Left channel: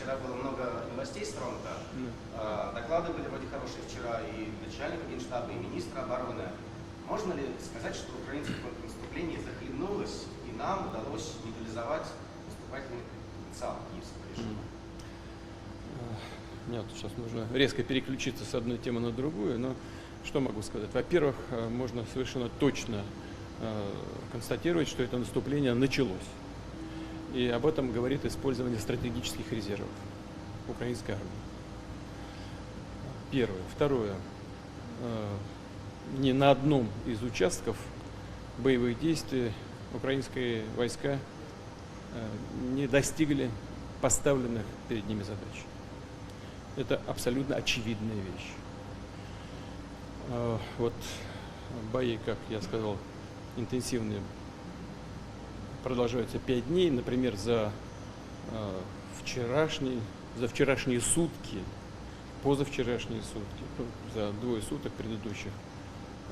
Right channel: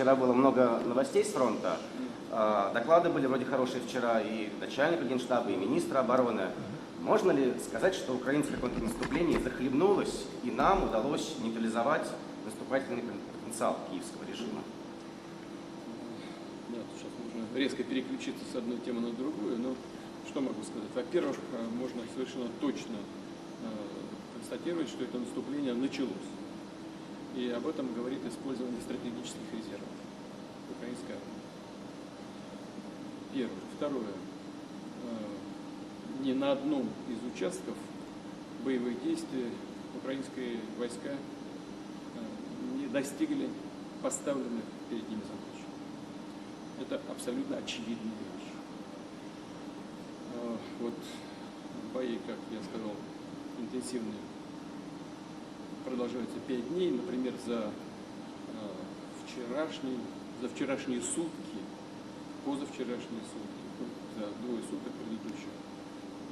вчера было много новостей с фронта. Доклады были вроде хорошие вчера и начальника Генштаба, и министра обороны. Можно ли сказать, что украинское контрнаступление захлебнулось, и нам удалось нейтрализовать наступательный потенциал киевского режима? Нет, сейчас нужно резко переключиться с одной темы на другую, но что могу сказать? Во-первых, можно совершенно точно констатировать, что это наступление началось. И об этом говорит использование стратегических резервов украинской армии. Первое. Второе. Ни на одном из участков боевых действий украинские войска не достигли поставленных перед ними задач. Это абсолютно очевидная вещь. Вот бои, как я сказал, интенсивные, продолжаются 5 дней. Например, за вчерашние сутки, позавчерашние сутки, за 2 суток предыдущих,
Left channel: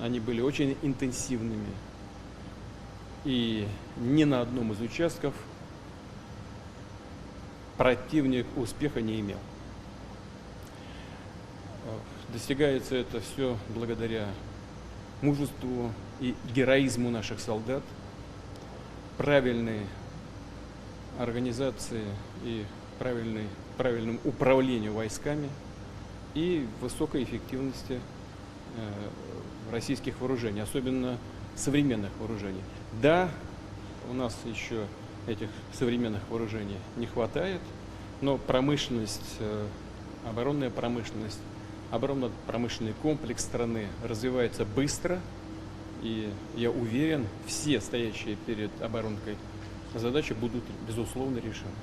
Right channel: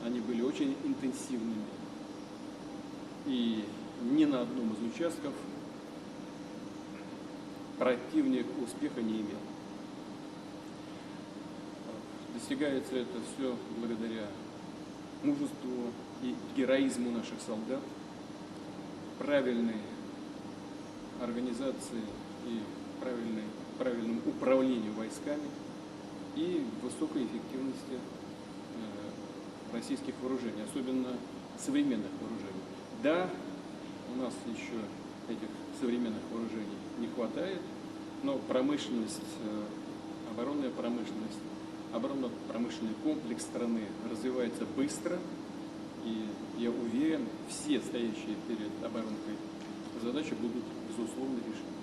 они были очень интенсивными. И ни на одном из участков противник успеха не имел. Достигается это все благодаря мужеству и героизму наших солдат, правильной организации и правильному управлению войсками и высокой эффективности российских вооружений, особенно современных вооружений. Да, у нас еще этих современных вооружений не хватает, но оборонно-промышленный комплекс страны развивается быстро, и я уверен, все стоящие перед оборонкой задачи будут, безусловно, решены.